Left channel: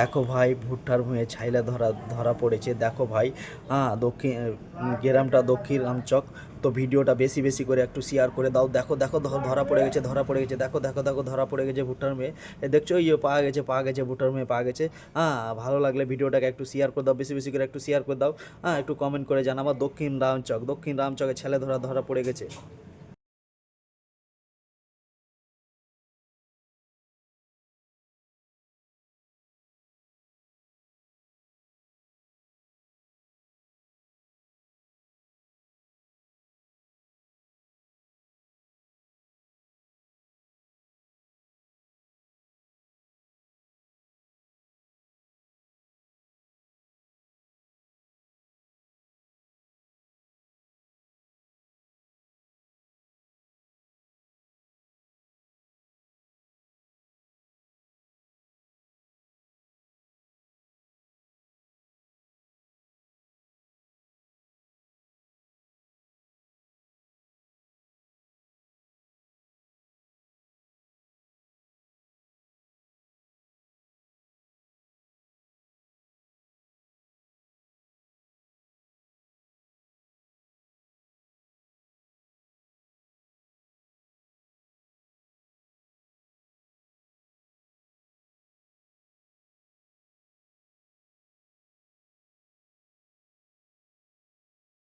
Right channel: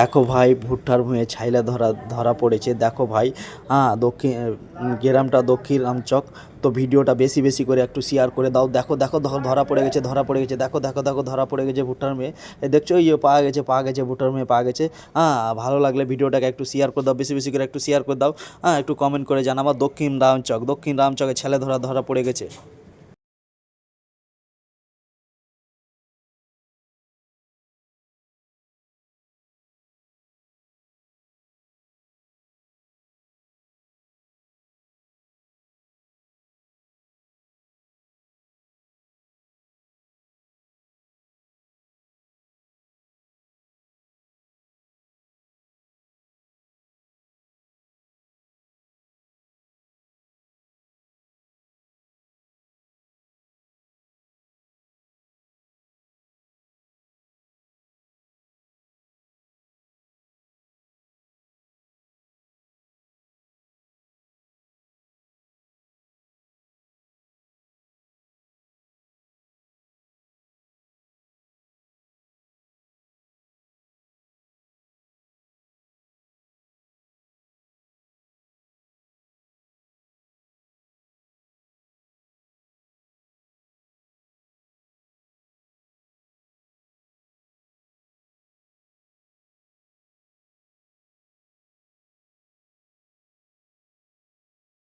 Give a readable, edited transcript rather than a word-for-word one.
দেখো ভাই, ভুট্টার ভুঁইয়ে ছাইলা ধরা ধরা পড়েছে। দেখো ভাই, দক্ষিণ গ্রামটা দক্ষিণ রামচক। তো ভিডিওটা বেশি বেশি করে একটু শেয়ার করে দাও। দেখো দেখো ধরা পড়ে গেছে, ধরা পড়ে গেছে। দেখো দেখো দেখো ধরা পড়ে গেছে ভুট্টার মেয়ে। দেখছো, ইয়ে পাওয়া গেছে, পাওয়া গেছে, ভুট্টার মেয়ে পাওয়া গেছে। ভালো লাগলে ভিডিওটাকে একটু শেয়ার করে দাও, বেশি বেশি করে একটু শেয়ার করে দাও। একটু কমেন্ট করে জানাবা দক্ষিণ রামচক, দক্ষিণ রামচকে ছেলে ধরা ধরা পড়ে গেছে।